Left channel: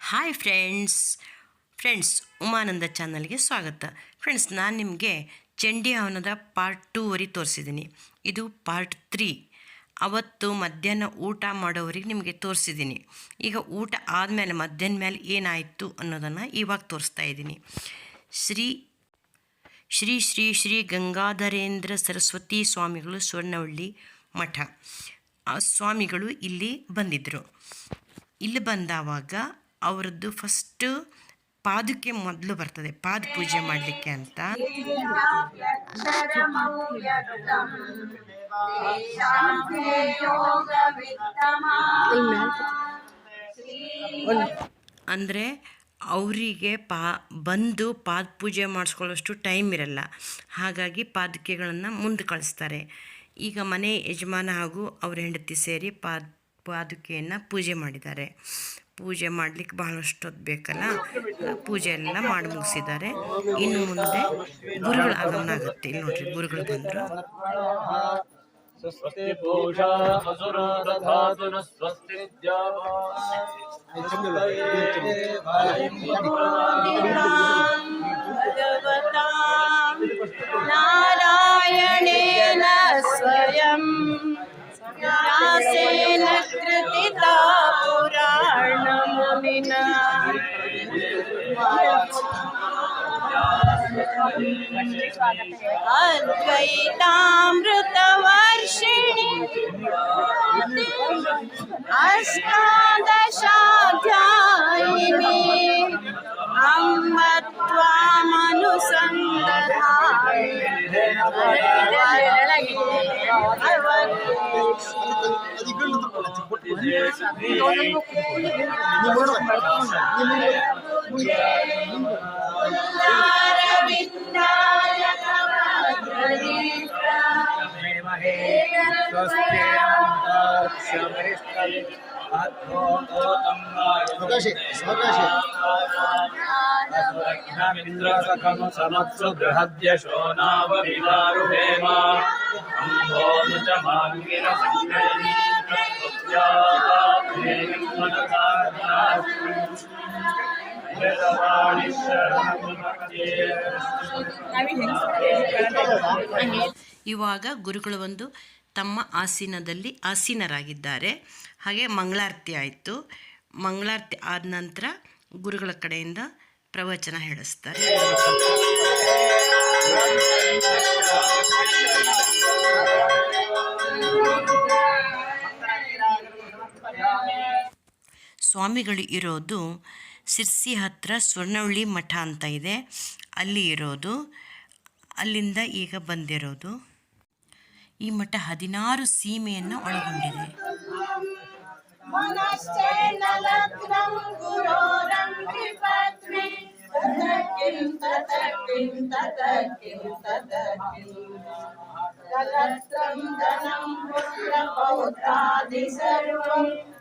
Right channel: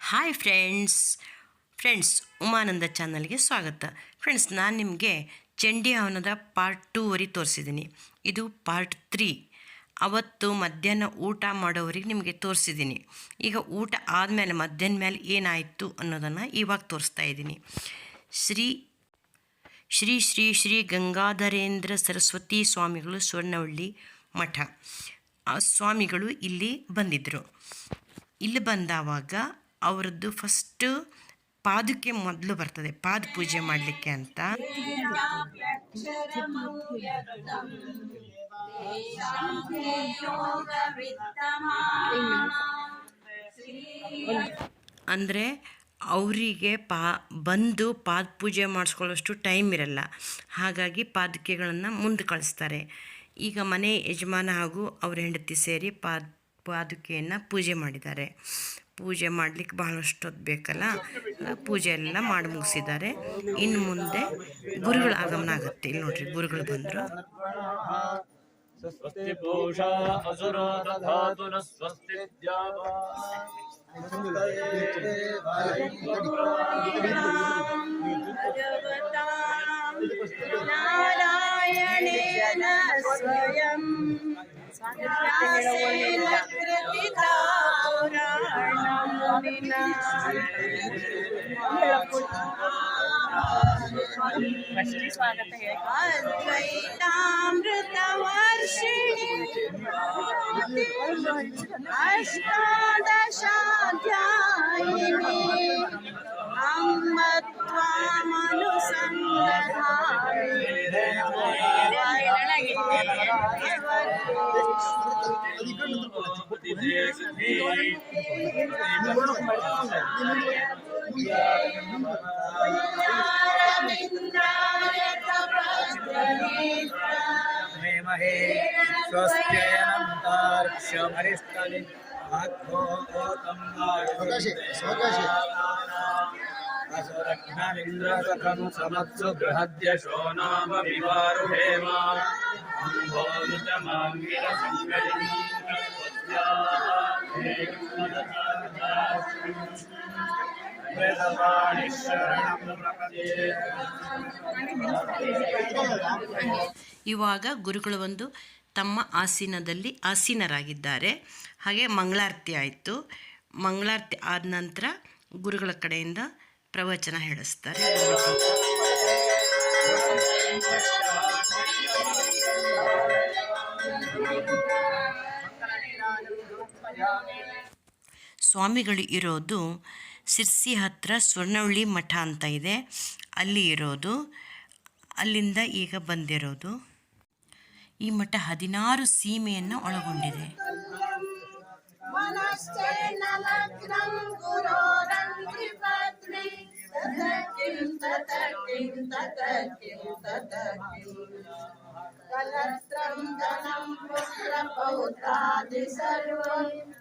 Hi friends friends Umananda ಚಾನಲ್ಗೆ ಸ್ವಾಗತ. Friends ನಾನು ನಿಮಗೆ ಚಂಡಿ ಹವನದ ಪಾರ್ಟ್ ಟೂವರೆಗೆ ತೋರಿಸಿದ್ದೀನಿ ಇದು ಪಾರ್ಟ್ ತ್ರೀ ಅವತ್ತು ಮಧ್ಯಾಹ್ನ ಊಟ ಮಾಡೋವರಿಗೆ ನಿಮಗೆ ತೋರಿಸಿದ್ದೀನಿ ಈಗ ಊಟ ಆದಮೇಲೆ ಮಧ್ಯಾಹ್ನ ಮೇಲೆ ಏನಾಯಿತು ಅನ್ನೋದನ್ನು ಇವಾಗ ತೋರಿಸ್ತಾ ಇದ್ದೀನಿ. ಶ್ರೀ ಶ್ರೀ ಶ್ರೀ ಶ್ರೀ ಗಂಗಾಧರೇಂದ್ರ ಸರಸ್ವತಿ ಸ್ವಾಮಿಗಳು ಸ್ವರ್ಣವಳ್ಳಿ ಮಠ. ಆ ಸ್ವಾಮಿಗಳು ಇಲ್ಲಿ ಬಂದಿದ್ದರು ಇಲ್ಲಿ ಬಂದಾವಾಗ ಅವರದ್ದು ಫಸ್ಟು ಪಾದಕ್ಕೆ ಮೊದಲು ಬರ್ತದೆ, ಪಾದ ಪೂಜೆ ಮಾಡಲಿಕ್ಕೆ ಅಂತ. ಅಂದರೆ ಅವರಿಗೆ ಪಾ, ಬಂದು ಪಾದ ಪೂಜೆ ಮಾಡಿಸ್ಕೊಳ್ಳೋಷ್ಟು ಟೈಮ್ ಇರಲ್ಲ. ಹಾಗಾಗಿ ಪಾದಕೆಗಳನ್ನು ಮುಂದೆ ಕಳಿಸ್ತಾರೆ. ಈಗ ಮನೆ ಯಜಮಾನ ಹಾಗೂ ಅವರ ಹೆಂಡತಿ ಸೇರಿ ಪಾದ, ಪಾದುಕೆಯನ್ನು ಪೂಜೆ ಮಾಡಿದ್ದಾರೆ. ಪೂಜೆ ಮಾಡಲಿಕ್ಕೆ ಬಹಳಷ್ಟೊತ್ತು ಬೇಕಲ್ಲ? ಪೂಜೆ ಎಲ್ಲ ಮಾಡಿ ಮುಗಿಸಿದ್ದಾರೆ. ಇನ್ನು ಮುಂದೆ ಗುರುಗಳ ಆಗಮನ ಆಗುತ್ತೆ. ಇಲ್ಲಿ ನೋಡ್ರಿ, ಗುರುಗಳು ಬಂದರು. ನಾರಾಯಣೇ अद्वैतामृतवर्षिणि अष्टादशाध्यायिनी अम्ब गोविन्दाय नमे महे स्वस्तेनन्ताक्षमरिष्टवे न्द्रसखमु समत्सु बृहद्यशो नावविवारुहेमा अम्भो च माङ्गिरसङ्गयनी प्रकृत्या ಇವಾಗ ಗುರುಗಳು ಒಂದು ತಮ್ಮ ಆಸೀನದಲ್ಲಿ ಆಸೀನರಾಗಿದ್ದಾರೆ. ಹಾಗೆ ಮಂಗಳಾರತಿ ಆಯಿತು. ಮಂಗಳಾರತಿ ಆದ ನಂತರ ಗುರುಗಳ ಕಡೆಯಿಂದ ಪ್ರವಚನ ಹೇಳಿಸ್ತಾರೆ. ಸ್ವಾಮಿಗಳು ಇರೋದು ಸಿರ್ಸಿ ಹತ್ತಿರ ಸ್ವರ್ಣವಳ್ಳಿ ಮಠ ಅಂತ ಇದೆ. ಅಲ್ಲಿ ಇರೋದು. ಅಲ್ಲಿಂದ ಈಗ ಬಂದಿರೋದು. ಈ ಮಠ ಹದಿನಾರು ಸೀಮೆಯನ್ನು ಒಳಗೊಂಡಿದೆ. ಸರ್ವಂ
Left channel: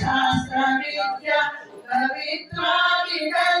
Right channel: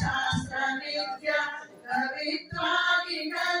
शास्त्र विद्या सर्वमेतद्विजातम्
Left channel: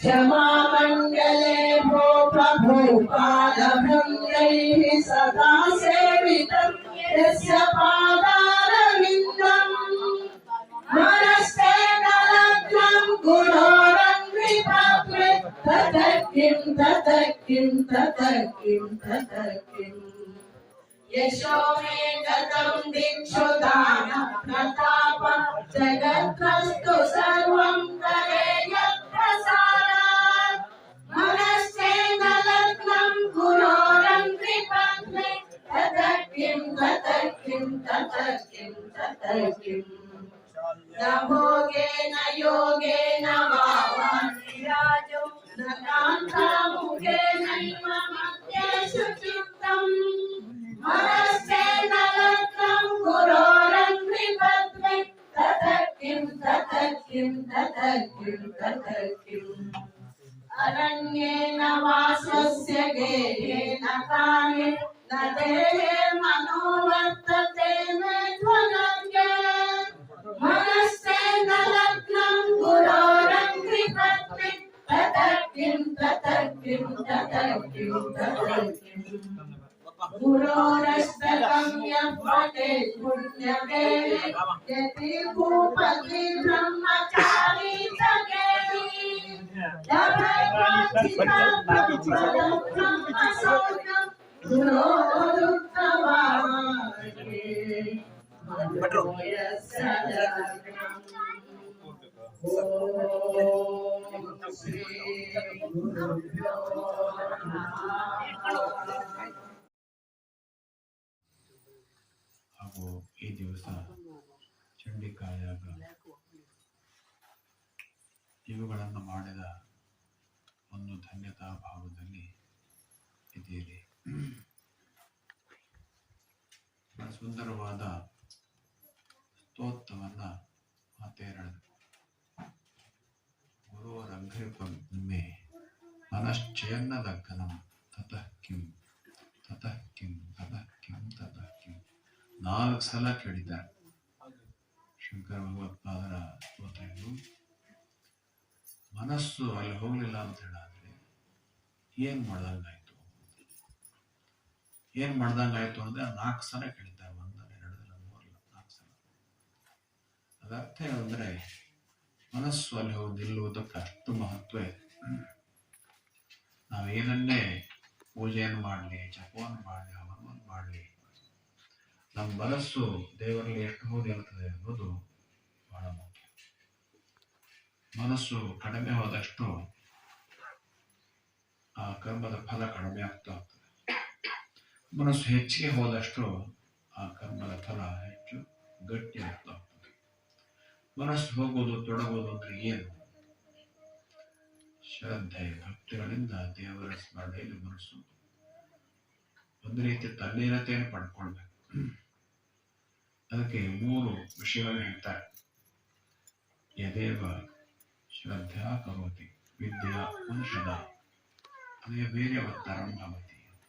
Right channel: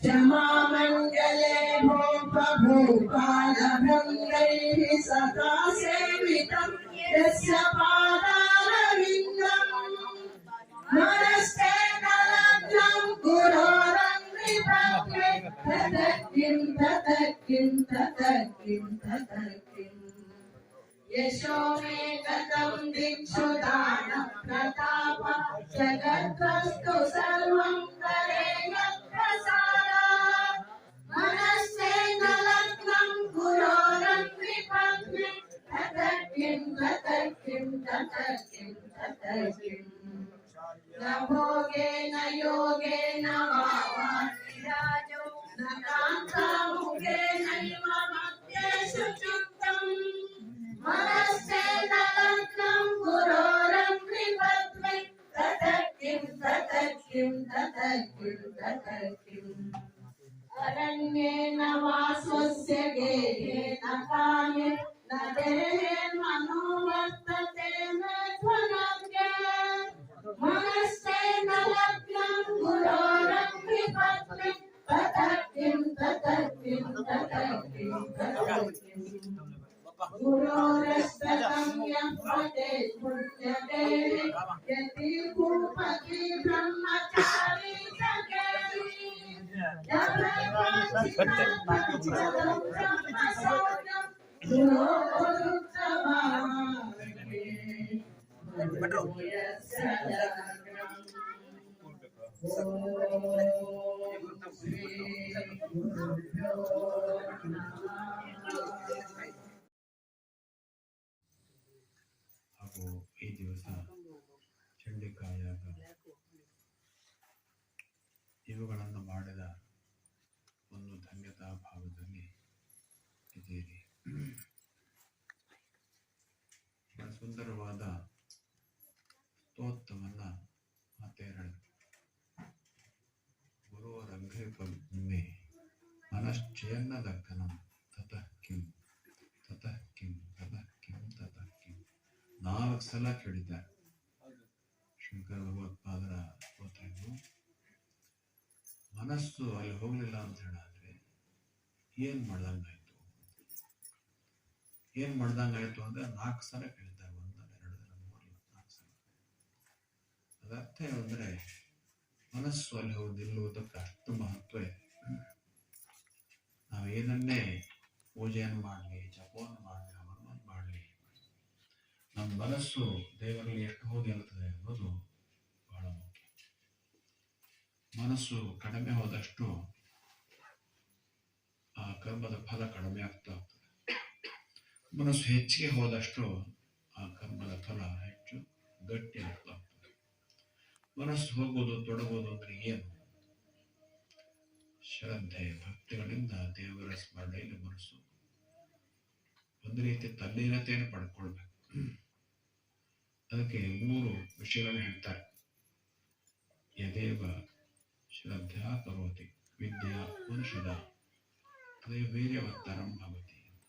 क्षमा प्रकर्पिम् भो प्रभु धन्य भ्रम किम् सदा सेवितं, यस्य पादारविन्दम् मनस्तेन लग्नं गुरोरङ्घ्रिपत्रे ततः किं ततः किं ततः किं ततः किम् यशो मे गतं दिक्षु दान प्रताप जगत्वस्तु सर्वं करे यत्प्रसादात् मनस्तेन ततकिं ततकिं ततकिम् न भोगेन योगेन वा वासिराजो न कान्तामुखे ततः किं ततः किं ततः किं ततः किम् गुरोरस्तकं यपते पुण्यदेवे यति भूपति ब्रह्मचारी सगेवी ಹಾಗೂ ಈ ದಿವಸ ಚಂಡಿಕಾಯಾಗ ಇವುಗಳನ್ನು ಮಾಡಿದ ಒಂದು ಧನ್ಯತಾ ಭಾವದಲ್ಲಿ ಇದ್ದೀರಿ. ಸುಂದರವಾದ ಸ್ತೋತ್ರವನ್ನು ಮಾತೇರಳು ಮನಶ್ಚಯನ್ನ ಲಗ್ನಂ ತತಃ ಕಿಂ ತತಃ ಕಿಂ ತತಃ ಕಿಂ ತತಃ ಕಿಂ ನಾಲ್ಕು ಸಲ ಕೇಳಿದ್ದಾರೆ ಶಂಕರ ಭಗವತ್ಪಾದರ ಸ್ತೋತ್ರಗಳು ಮನಸ್ಸು ಅಲ್ಲಿ ಹೋಗಲಿಲ್ಲ ಅಂತ ಹೇಳಾದ್ರೆ ಏನ್ ಮಾಡ್ದಂಗಾಯ್ತು ಏನ್ ಮಾಡ್ದಂಗಾಯ್ತು ಅಂದ್ರೆ ನಾಲ್ಕು ಸಲ ಕೇಳಿದ್ದಾರೆ ಒಂದಲ್ಲ ಎರಡಲ್ಲ ಮೂರಲ್ಲ ನಾಲ್ಕು ಸಲ ಅದರ್ಥ ಏನಂದ್ರೆ ಮನಸ್ಸು ಅಲ್ಲಿ ಹೋಗಿ ನಿಲ್ಲುವುದಕ್ಕೆ ಅಷ್ಟು ಮಹತ್ವ ಇದೆ ನಾವೇನನ್ನೇ ಪೂಜೆಯನ್ನು ಮಾಡಲಿ, ಜಪವನ್ನು ಮಾಡಲಿ, ಹವನವನ್ನು ಮಾಡಲಿ, ನಮ್ಮ ಮನಸ್ಸು ದೇವರಲ್ಲಿ ಎಷ್ಟು ಹೋಗಿ ಇರುತ್ತದೆ ಅನ್ನೋದು ಬಹಳ ಮುಖ್ಯ. ಮನಸ್ಸು ಕಡಿಮೆ ಹೋದಷ್ಟು ಆ ಕರ್ಮದ ಫಲ ಕಡಿಮೆ ಆಗ್ತಾ ಹೋಗ್ತದೆ. ಮನಸ್ಸು ಹೆಚ್ಚಿಗೆ ಹೋದಷ್ಟು ಆ ಕರ್ಮದ ಫಲ ಹೆಚ್ಚು ಗಟ್ಟಿ ಆಗ್ತಾ ಹೋಗ್ತದೆ. ಮನಸ್ಸು ಹೋಗೋದು ತೊಡಗೋದು ಅಂದ್ರೆ ಏನು? ಶ್ರದ್ಧೆ ಭಕ್ತಿಗಳಿಂದ ದೇವರ ಸ್ಮರಣೆಯಲ್ಲಿ ಮನಸ್ಸು ಒಂದು ರೀತಿಯ ತಲ್ಲೀನತೆಯನ್ನು ಪಡ್ಕೊಳ್ಬೇಕು. ಅದಕ್ಕೆ ಮೂರು ವಿಷಯಗಳನ್ನು ಹೇಳ್ತಾರೆ. ಯದೇವ ಶ್ರದ್ಧಾ ಕರೋತಿ, ವಿದ್ಯಾ ಪುರುಷದ ಅದೇ ಬೇರೆ ಭವತಿ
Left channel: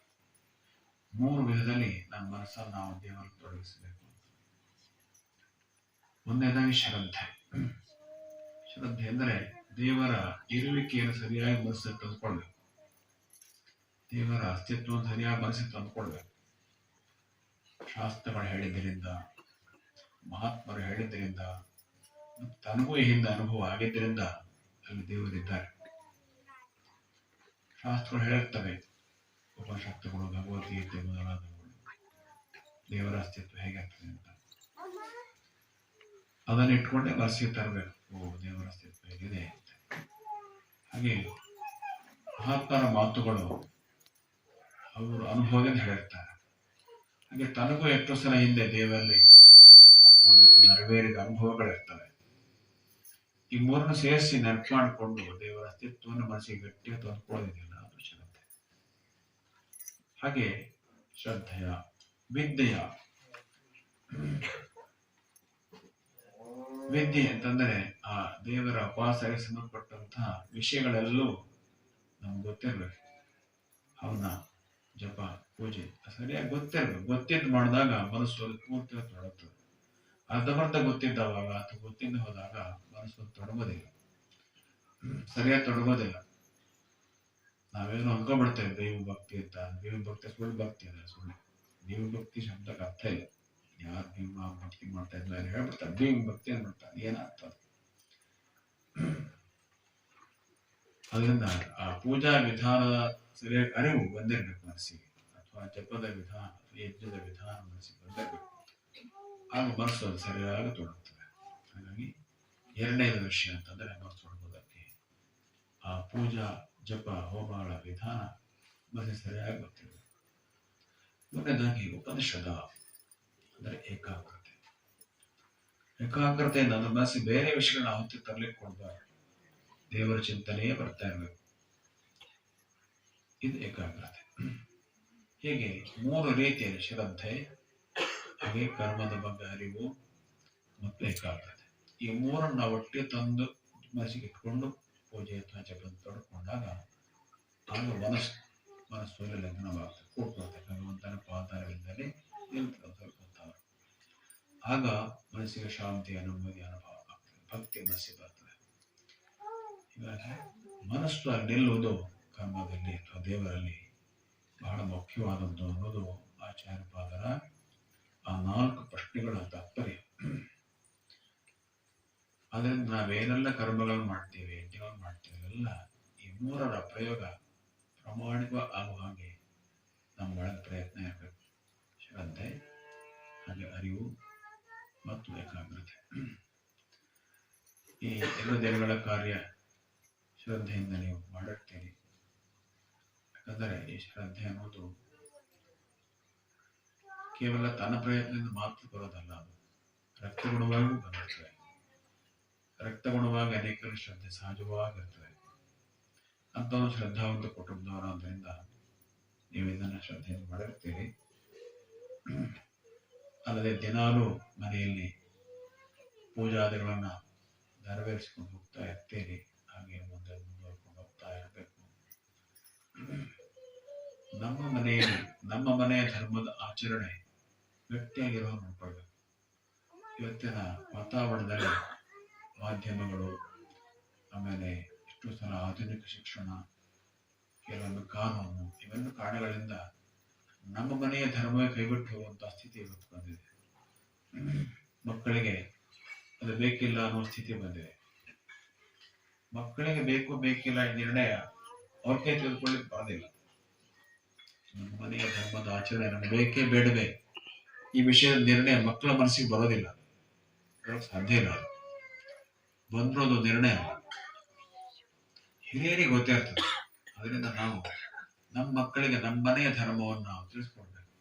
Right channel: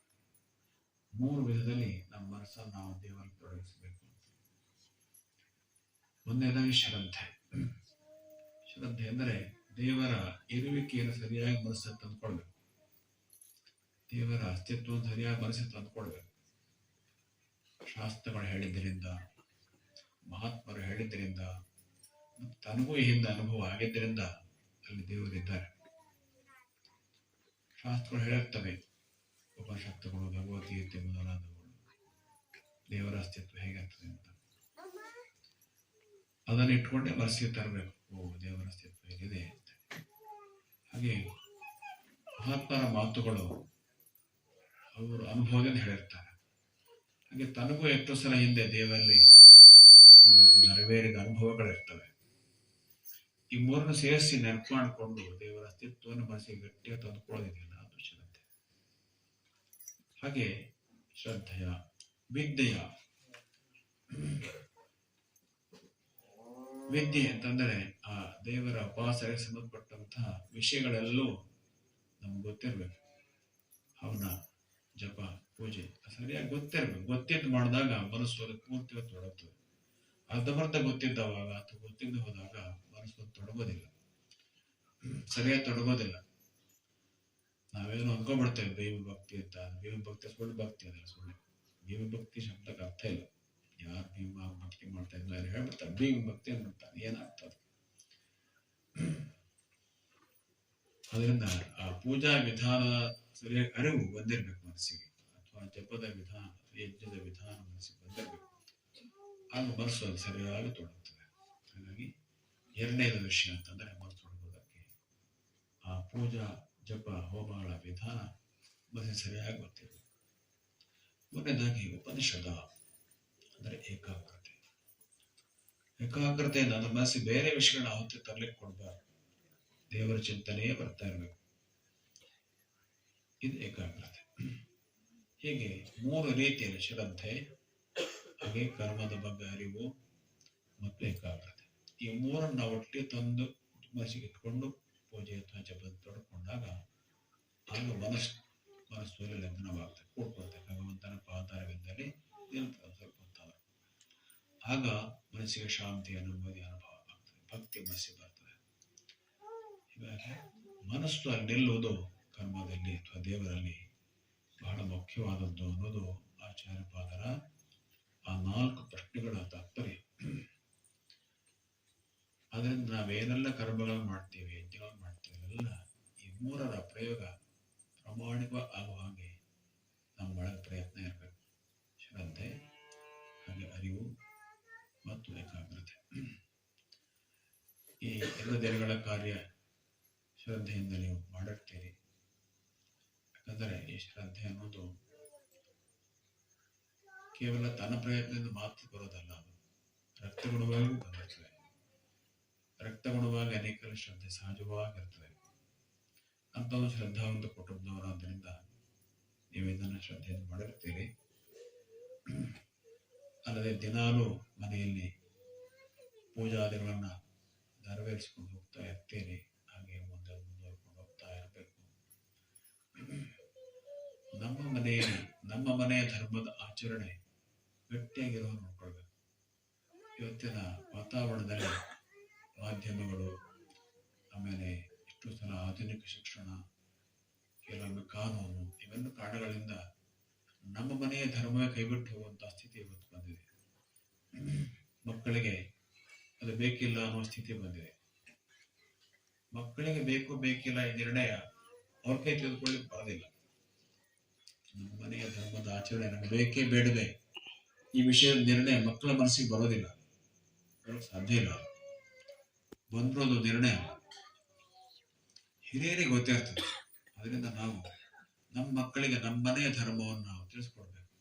ಮೂರು ವಿಧದಲ್ಲಿ ನಮ್ಮ ಮನಸ್ಸನ್ನು ನಾವು ದೇವರು ತೊಡಗಿಸಬೇಕು ಒಂದನೇದಾಗಿ ಶ್ರದ್ಧೆ. ಶ್ರದ್ಧೆ ಅಂದರೆ ದೇವರ ಇರುವಿಕೆಯನ್ನು ಸರಿಯಾಗಿ ಮನಸ್ಸಿಗೆ ತಂದುಕೊಳ್ಬೇಕು ದೇವರ ಅಸ್ತಿತ್ವವನ್ನು ಸರಿಯಾಗಿ ಮನಸ್ಸಿಗೆ ತಂದುಕೊಳ್ಬೇಕು ಶಾಸ್ತ್ರಗಳು ಹೇಳಿದ್ದರಿಂದ, ಮಹಾತ್ಮರು ಹೇಳಿದ್ದರಿಂದ, ತನಗೂ ಈ ಹಿಂದೆ ಅನುಭವ ಆಗಿದ್ದರಿಂದ ಅಲ್ಲಿ ದೇವರಿದ್ದಾರೆ. ಶಾಸ್ತ್ರಗಳು ಹೇಳಿರ್ತವೆ ಉಪಶಕ್ತಿಗಳು ಭಗವದ್ಗೀತೆ, ಮೊದಲಾದವುಗಳು, ದೇವರ ಅಸ್ತಿತ್ವ ಹೇಗಿರ್ತದೆ ಅಂತ. ಅದನ್ನು ಇಟ್ಕೊಂಡೇ ಮನಸ್ಸಿಗೆ ತರಬೇಕು. ದೇವರ ಅಸ್ತಿತ್ವ ಹೇಗಿದೆ ಹಾಗೆ ಮಹಾತ್ಮರ ಮಾತುಗಳು ಅವರು ಅನುಭವದಿಂದ ಹೇಳಿರ್ತಾರೆ. ಹಾಗೆ ತನಗೂ ಎಷ್ಟೋ ಸಲ ಹಿಂದೆ ದೇವರಲ್ಲಿ ಮಾಡಿಕೊಂಡಿದ್ದು ನೆರವೇರಿದ ಅನುಭವಗಳಿರ್ತವೆ. ಈ ಮೂರನ್ನು ಸೇರಿಸಿ ನೆನಪು ಮಾಡಿಕೊಂಡು ದೇವರ ಅಸ್ತಿತ್ವವನ್ನು ಮನಸ್ಸಿಗೆ ಗಟ್ಟಿಯಾಗಿ ತಂದುಕೊಳ್ಳೋದಿದೆಯಲ್ಲ ಅದು ಹಾಗೆ ಶ್ರದ್ಧೆಯ, ವಿದ್ಯೆಯ ವಿದ್ಯೆ ಅಂತಂದರೆ, ಆ, ದೇವರ ಉಪಾಸನೆಗೆ ಸಂಬಂಧಪಟ್ಟಂತಹ ವಿಷಯಗಳೆಲ್ಲೂ ನಮ್ಗೆ ಗೊತ್ತಿರಬೇಕು. ಅವನ ಜಪ, ಪೂಜೆ ಸರಿಯಾಗಿ ಗೊತ್ತಿರಬೇಕು. ಗೊತ್ತಿದ್ದು ಮಾಡಿದಾಗ ಮನಸ್ಸು ಪೂರ್ತಿ ತೊಡಗ್ತದೆ. ಅರ್ಧಮರ್ಧ ಗೊತ್ತಿದ್ದವಾಗ ಅಥವಾ ಗೊತ್ತಿದ್ದು ಹೋದಾಗ ಮನಸ್ಸು ತೊಡಗೋದಿಲ್ಲ. ಸರಿಯಾಗಿ ತೊಡಗೋದಿಲ್ಲ. ನಾವೇನು ಅನ್ಕೊಂಡ್ಬಿಡ್ತೇವೆ ದೇವಿ ಭಕ್ತಿ ಅಂತ. ದೇವ ಭಕ್ತಿ ಸುಳ್ಳು ಭಕ್ತಿ ಅಂತ ಸುಳ್ಳು. ದೇವ ಭಕ್ತಿ ಶಬ್ದಕ್ಕೆ ಅರ್ಥ ಇಲ್ಲ. ಯಾರು ಭೀಮ ಭಕ್ತಿ ಮಾಡ್ತಾ ಇದ್ಲ ಏನು ಹೇಳ್ಬಿಡ್ತಾರೆ ಭೀಮ್ ಭಕ್ತಿ ಅಂದ್ಬಿಡ್ತಾರೆ ಏನಾಗ್ತದೆ ಅದರಿಂದ ಆ ಪೂಜಾ ವಿಧಾನದ ಸರಿಯಾಗಿ ಅರಿವು ಬಂದಿರಬೇಕು ಮನಸ್ಸಿಗೆ, ಅಥವಾ ಜಪದ ವಿಧಾನ ಯಜ್ಞದ ವಿಧಾನ ಮನಸ್ಸಿಗೆ ಬಂದಿರಬೇಕು. ಆಗ ಮನಸ್ಸು ಅದು ಸರಿಯಾಗಿ ತೊಡಗುತ್ತದೆ ಹಾಗಾಗಿ ಎರಡನೇದು ವಿಷಯ ಅಂತಂದ್ರೆ ಮನಸ್ಸು ತೊಡಗೋದಕ್ಕೆ ಆ ಪೂಜಾ, ಜಪ ಹೋಮಗಳ ವಿಧಾನ ಮನಸ್ಸಿಗೆ ಸರಿಯಾಗಿ ಗೊತ್ತಿರಬೇಕು. ಮೂರನೇದಾಗಿ ಉಪನಿಷದ. ಅಂದರೆ ಏಕಾಗ್ರತೆ. ಏಕಾಗ್ರತೆಯಿಂದ ನನ್ನ ಮನಸ್ಸಿಗೆ ಬೇರೆ ವಿಷಯಗಳನ್ನ ಹೊತ್ತಿ ತರಲಿಕ್ಕೆ ಕೊಡಬಾರ್ದು. ದೇವರ ಚಿಂತನೆಯೇ ಬರ್ತಾ ಇರಬೇಕು. ಇದು ಏಕಾಗ್ರತೆ. ಹೀಗೆ ಮೂರು ರೀತಿಯಲ್ಲಿ ಶ್ರದ್ಧೆ, ಹಾಗೆ ಕರ್ಮದ ಬಗ್ಗೆ ಅರಿವು ಮತ್ತು ಏಕಾಗ್ರತೆ. ಈ ಮೂರನ್ನು ಒಟ್ಟಿಗೆ ತಂದು ಮನಸ್ಸಿಗೆ ಇಟ್ಕೊಂಡು ಪೂಜೆ ಅಥವಾ ಜಪದ ತೊಡ್ಕೊಂಡಾಗ ಆಗ ಮನಸ್ಸು ಮನಸ್ಸು ಲಗ್ನವಾಗ್ತದೆ ಕೂಡ್ಕೊಳ್ತದೆ ಭಗವಂತನ ಪಾದಾರವಿದ್ದಲ್ಲಿ ನಿಲ್ತದೆ. ಆಗ ಮನಸ್ಸಿಗೆ ಶಾಂತಿ ಅನುಭೂತಿ ಅನುಭವ ಆಗ್ತದೆ ಭಕ್ತಿ ಮನಸ್ಸಿಗೆ ಬರ್ತದೆ ಹೀಗಾಗಿ ಮನಸ್ಸು ನಿಲ್ಲುವುದು ಕರ್ಮದಲ್ಲಿ ಅಥವಾ ದೇವರಲ್ಲಿ ಬಹಳ ಮುಖ್ಯವಾದದ್ದು ಅನ್ನೋದು ಆಚಾರ್ಯಪಾದರ ಆ ನಾಲ್ಕು ಪ್ರಶ್ನೆಗಳ ತಾತ್ಪರ್ಯ ಆದರೆ ನಾವೇನೆಲ್ಲ ಕರ್ಮಗಳನ್ನು ಮಾಡ್ತೀವಿ ಯಜ್ಞಗಳನ್ನು ಮಾಡ್ತೀವಿ ಎಲ್ಲ ಈ ಮೂರರ ಪ್ರಯೋಗ ಪ್ರಾಮಾಣಿಕ ಆಗುವ ಹಾಗೆ ನಮ್ಮ ಒಳಗೆ ಪ್ರಯತ್ನ ಇರಬೇಕು ಶ್ರದ್ಧೆ ಹಾಗೆ ಅರಿವು ಮತ್ತು ಏಕಾಗ್ರತೆ. ಈ ಎಲ್ಲ ದೇವರುಗಳ ಕಾರ್ಯ ಶ್ರದ್ಧೆಯಿಂದ ನೀವು ಮಾಡಿರ್ತೀರಿ ಯಾಕಂದರೆ ಈ ಶ್ರದ್ಧೆ ಅನ್ನೋದು ಕೇವಲ ತನ್ನ ಪ್ರಯತ್ನದಿಂದ ಮಾತ್ರ ಬರೋದಲ್ಲ, ಅದು ಬರುತ್ತದೆ. ಬಂದಿರ್ತದೆ ರಕ್ತಗುಣವಾಗಿ ಅನೇಕರ ಶ್ರದ್ಧೆ ಸಹಜವಾಗಿರ್ತದೆ ಅಂಥವ್ರು ಶ್ರದ್ಧಾವಂತ ಕುಟುಂಬದವರಾದ್ರಿಂದ ನೀವು ಇದನ್ನು ಶ್ರದ್ಧೆಯಿಂದ ಮಾಡಿರ್ತೀರಿ ಅಲ್ಲದೆ ದಿನಾಲೂ ಮನೆಯಲ್ಲಿ ಪೂಜಾದಿಗಳನ್ನು ನೆರವೇರಿಸಿಕೊಂಡು ಹೋಗ್ತಾ ಇರ್ತೀರಿ. ಹಾಗೆ ಮುಂದೆ ಮುಂದುವರ್ಕೊಂಡು ಹೋಗ್ತಾ ಇರಬೇಕು. ನಮ್ಮ ಮನೆಯಲ್ಲಿ, ನಮ್ಮ ಮನೆಯ ಧರ್ಮದ ಆಚರಣೆ ಗಟ್ಟಿಯಾಗಿರುವ ನೋಡ್ಕೊಳ್ಬೇಕು ಇವತ್ತಿನ ವಾತಾವರಣದಲ್ಲಿ ಮಾಧ್ಯಮಗಳು ಆಮೇಲೆ ಎಷ್ಟೋ ಸಲ ಆಧುನಿಕ ಶಿಕ್ಷಣ, ಕೆಲವೊಂದು ಕಾನೂನು ಇವೆಲ್ಲ ಕಾರಣಗಳಿಂದ ನಮ್ಮ ಮನೆಯ ಧರ್ಮವೇ ಕೈಬಿಟ್ಟು ಹೋಗುವಂತಹ ಸ್ಥಿತಿ ಇವತ್ತು ಬಂದಿದೆ. ಮಕ್ಕಳಿಗೆ ಅದು ಬೇಕಿಲ್ಲ ಅನ್ನೋ ಸ್ಥಿತಿ ಬಂದಿದೆ. ಮಕ್ಕಳಿಗೆ ಬೇಕು ಬೇಕಿಲ್ಲ ಈ ನಿರ್ಣಯ ಅವ್ರ ಕೈ ತೆಗೆದುಕೊಳ್ಳಿ ನಮ್ಮ ಮನೆಯ ಧರ್ಮದ ಆಚರಣೆ ನಮ್ಗೆ ಬೇಕೇ ಬೇಡವೇ? ಈ ವಿಷಯದ ನಿರ್ಣಯ ಮಕ್ಕಳ ಮನಸ್ಸಿಗೆ ಬರೋದಿಲ್ಲ. ಸಾಧ್ಯ ಇಲ್ಲ ಬಂದಿರೋದು ನಿರ್ಣಯ ಹಿರಿಯರಿಗೆ ಗೊತ್ತಿರ್ತದೆ ಅದರಿಂದ ನಾವು ನಮ್ಮ ಮಕ್ಕಳಿಗೆ ನಮ್ಮ ಮನೆಯ ಧರ್ಮವನ್ನು ನಾವು ತಿಳಿಸ್ಕೊಡ್ಬೇಕು.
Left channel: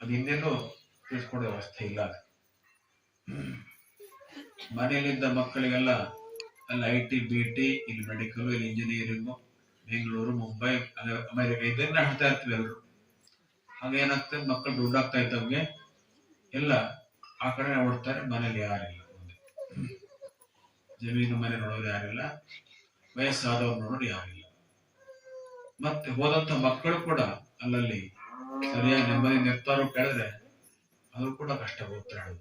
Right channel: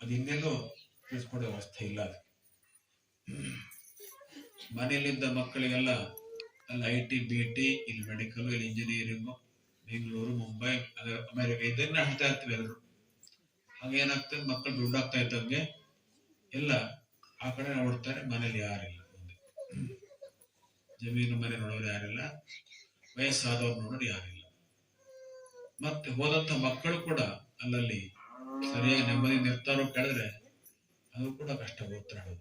ಅದು ಇನ್ನೆಲ್ಲೂ ತಿಳಿಸ್ಕೊಡೋ ವ್ಯವಸ್ಥೆ ಇಲ್ಲ ಮನೆಯಲ್ಲಿದ್ದ ಮಕ್ಕಳಿಗೆಲ್ಲ ಅಲ್ಲಿ ಐ ಟಿ, ಬಿ ಟಿ, ಇಲ್ಲಿ ಮೆಡಿಕಲ್, ಇಲ್ಲಿ ಇಂಜಿನಿಯರಿಂಗು, ಬೆಂಗಳೂರು, ಮುಂಬೈ ಅಮೆರಿಕ ಇದನ್ನ ಹೇಳ್ತಾ ಇರ್ತೀವಿ ಎಲ್ಲರೂ ಹಾಗೇನಾಗ್ತದೆ ಮಕ್ಕಳು ದುಡ್ಡಾಗ್ತಾ ಇದ್ದಂಗೆ ಎಲ್ಲ ಆ ಕಡೆ ಓಡ್ತಾರೆ, ಮನೇಲಿ ಯಾರಿಲ್ಲ. ಜಮೀನು ಮನೆ ನೋಡೋರು ಯಾರಿಲ್ಲ, ವಯಸ್ಸಾದವ್ರು ನೋಡೋರು ಯಾರಿಲ್ಲ. ಮತ್ತೆ ಹೋದಂತ ಮಕ್ಕಳು ಕೂಡ ಅಲ್ಲಲ್ಲಿ ಸರಿಯಾಗಿ ನೆಮ್ಮದಿ ನಿರ್ತಾರೋ ಕೇಳಿದ್ರೆ ಅದು ಕೂಡ ಕಷ್ಟ ಹೋಗ್ತಾರೆ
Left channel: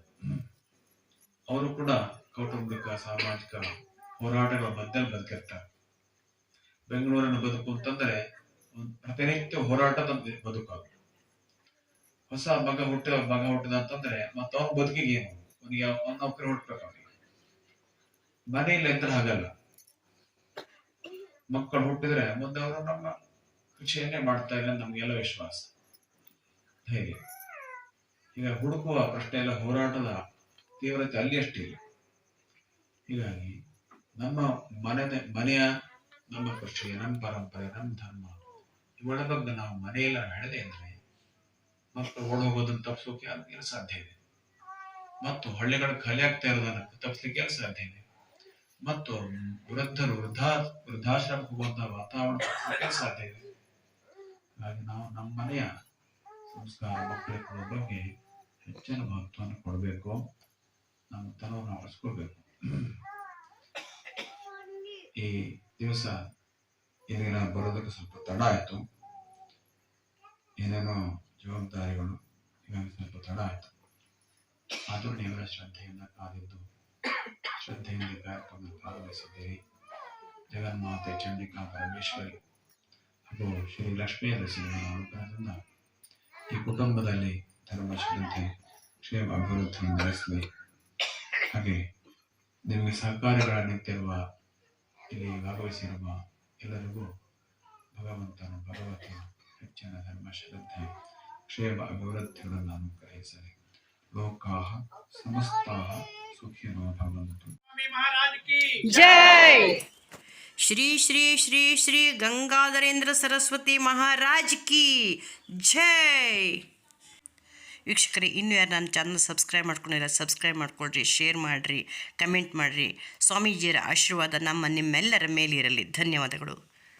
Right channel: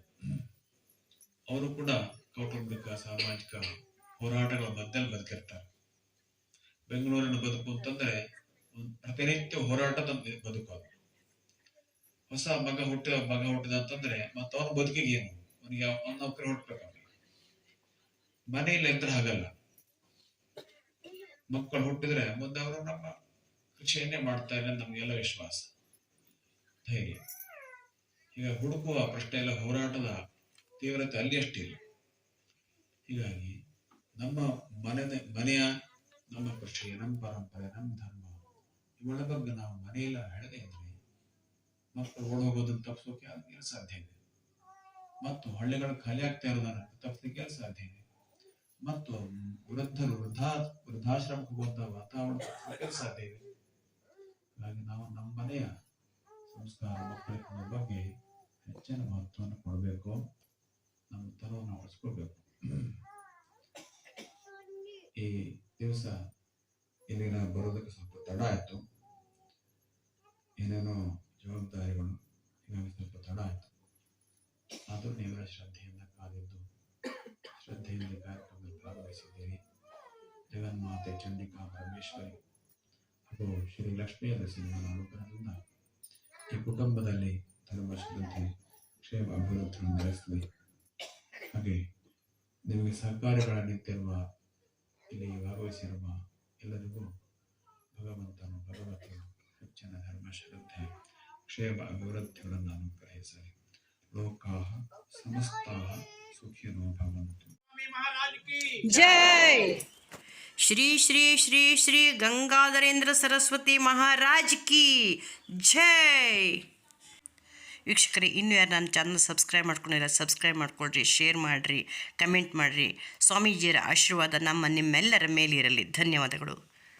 ಅವರು ಕೂಡ ಕೌಟುಂಬಿಕ, ಸಾಮಾಜಿಕ ಹೋರಾಟಗಳ ಮಧ್ಯದಲ್ಲಿ ಬದುಕಿರ್ತಾರೆ. ಬೆಂಗಳೂರಿನ ಬದುಕು ಅಂತಂದ್ರೆ ಪ್ರತಿನಿತ್ಯ ಹೋರಾಟದ ಬದುಕು ಹೊಸ ಮಗ ಹುಟ್ಟಿದ ಮಗ ಹುಟ್ಟಿದ ಅಂತಂದ್ರೆ ಮತ್ತೆ ಅವನ ಬದುಕಿಗೆ ಏನು? ಅವನಿಗೆ ಅವ್ನ ನೌಕರಿ ಹುಟ್ಟಬೇಕು ಅವನಿಗೆ. ಮನೆಯಲ್ಲಿ ಇದ್ರೆ ಹಾಗಲ್ಲ. ಮಕ್ಕಳು ಹುಟ್ಟಿದ್ರೆ ಮುಂದೆ ಅವರು ನಮ್ಮ ಕೃಷಿಯನ್ನೇ ಮಾಡ್ತಾ ಇಲ್ಲ ನಮಗೆಲ್ಲ ವಿಶ್ವಾಸ. ಧೈರ್ಯ ಈಗ ಹುಡುಕುವ ಪ್ರಶ್ನೆ ಎಲ್ಲ ಹೋರಾಟದ ತೀವ್ರತೆ ಅಲ್ಲಿ ಅಷ್ಟಿಲ್ಲ. ಹೀಗಾಗಿ ನಮ್ಮ ಮನೆದ ಮನೆಯ, ನಮ್ಮ ಕೃಷಿ ನಮ್ಮ ಪರಂಪರೆ, ನಮ್ಮ ಧರ್ಮ, ಇವುಗಳ ಬಗ್ಗೆ ನಾವು ಮನೆಯೆಲ್ಲ ಹೇಳದೆ ಇದ್ರೆ ಮಕ್ಕಳು ಓಡೋಗೋದನ್ನು ತಪ್ಪಿಸೋಕೆ ಅದಕ್ಕೆ ಸಾಧ್ಯ ಇದೆ. ಮತ್ತು ಹಳ್ಳಿಗಳು ಖಾಲಿ ಆಗ್ತಾ ಇರೋದನ್ನು ತಪ್ಪಿಸ್ಲಿಕ್ಕೆ ಸಾಧ್ಯ ಇದೆ. ಮತ್ತು ವೃದ್ಧರು ವೃದ್ಧಾ, ವೃದ್ಧಾಶ್ರಮಕ್ಕೆ ಹೋಗುವಂತಹ ವಾತಾವರಣ ಸಾಧ್ಯ ಇದೆ. ನಾವು ನಮ್ಮ ಮನೆಯ ಸಂಸ್ಕಾರ, ಮಕ್ಕಳ ಬಗ್ಗೆ ಹೆಚ್ಚಿನ ಮಹತ್ವವನ್ನು ಕೊಡಬೇಕು. ನಮ್ಮ ತನವನ್ನು ಅಳಿಸ್ಕೋಬೇಕು ಈ ದಿವಸ ಇಲ್ಲಿನ ಬರೋದಕ್ಕೆ ಸ್ವಲ್ಪ ತಡ ಆಯಿತು. ಏನೇನೋ ಜವಾಬ್ದಾರಿಗಳು ಹೀಗಾಗಿ ಸ್ವಲ್ಪ ತಡ ಆಯಿತು. ಆದರೂ ನೀವೆಲ್ಲ ಶ್ರದ್ಧೆಯಿಂದ ಕಾದಿದ್ದು, ಶ್ರದ್ಧೆಯಿಂದ ಕಾರ್ಯಕ್ರಮ ಪ್ರಾರಂಭಿಸಿದ್ದೀರಿ. ಜಗನ್ಮಾತೆ ಚಂಡಿಕಾ ಪರಮೇಶ್ವರಿ ಹಾಗೂ ಶ್ರೀ ಲಕ್ಷ್ಮೀ ನರಸಿಂಹನ ಅನುಗ್ರಹದಿಂದ ಈ ಕುಟುಂಬದಲ್ಲಿ ಧರ್ಮ ಶ್ರದ್ಧೆ ಕ್ಷೇಮ ಅಭಿವೃದ್ಧಿಯನ್ನು ನಡೆಸಲಿ ಹಾಗೆ ನಿಮಗೆ ಸಹಕಾರಿಗಳ ನಿಂತಿರುವ ಇಲ್ಲಿ ಭಾಗವಹಿಸಿರುವ ಎಲ್ಲರಿಗೂ ಭಗವಂತನು ಭಗವತನು ಹೆಚ್ಚಿನ ಧರ್ಮ ಶ್ರದ್ಧೆ ಕ್ಷೇಮ ಅಭಿವೃದ್ಧಿಗಳನ್ನು ಅನುಗ್ರಹಿಸಲಿ ಲೋಕಾ ಸಮಸ್ತಾ ಸುಖಿನೋ ಭವಂತು ಜೈ ಶ್ರೀ ಶ್ರೀ ಶ್ರೀ ಶ್ರೀ ಗಂಗಾಧರೇಂದ್ರ ಸರಸ್ವತಿ ಮಹಾರಾಜ್ ಕಿ ಜೈ. ವೀಕ್ಷಕರೇ, ಇನ್ನು ಯಾರು ನನ್ನ ಚಾನಲ್ ಸಬ್ಸ್ಕ್ರೈಬ್ ಮಾಡ್ಕೊಂಡಿಲ್ಲ, ಸಬ್ಸ್ಕ್ರೈಬ್ ಮಾಡ್ಕೊಳ್ರಿ, ಶೇರ್ ಮಾಡಿರಿ, ಕಮೆಂಟ್ ಮಾಡಿರಿ. ಸ್ವಾಮೀಜಿಯರ ಆಶೀರ್ವಾದ ನಮ್ಮ ನಿಮ್ಮೆಲ್ಲರ ಮೇಲಿರಲಿ. ಧನ್ಯವಾದಗಳು.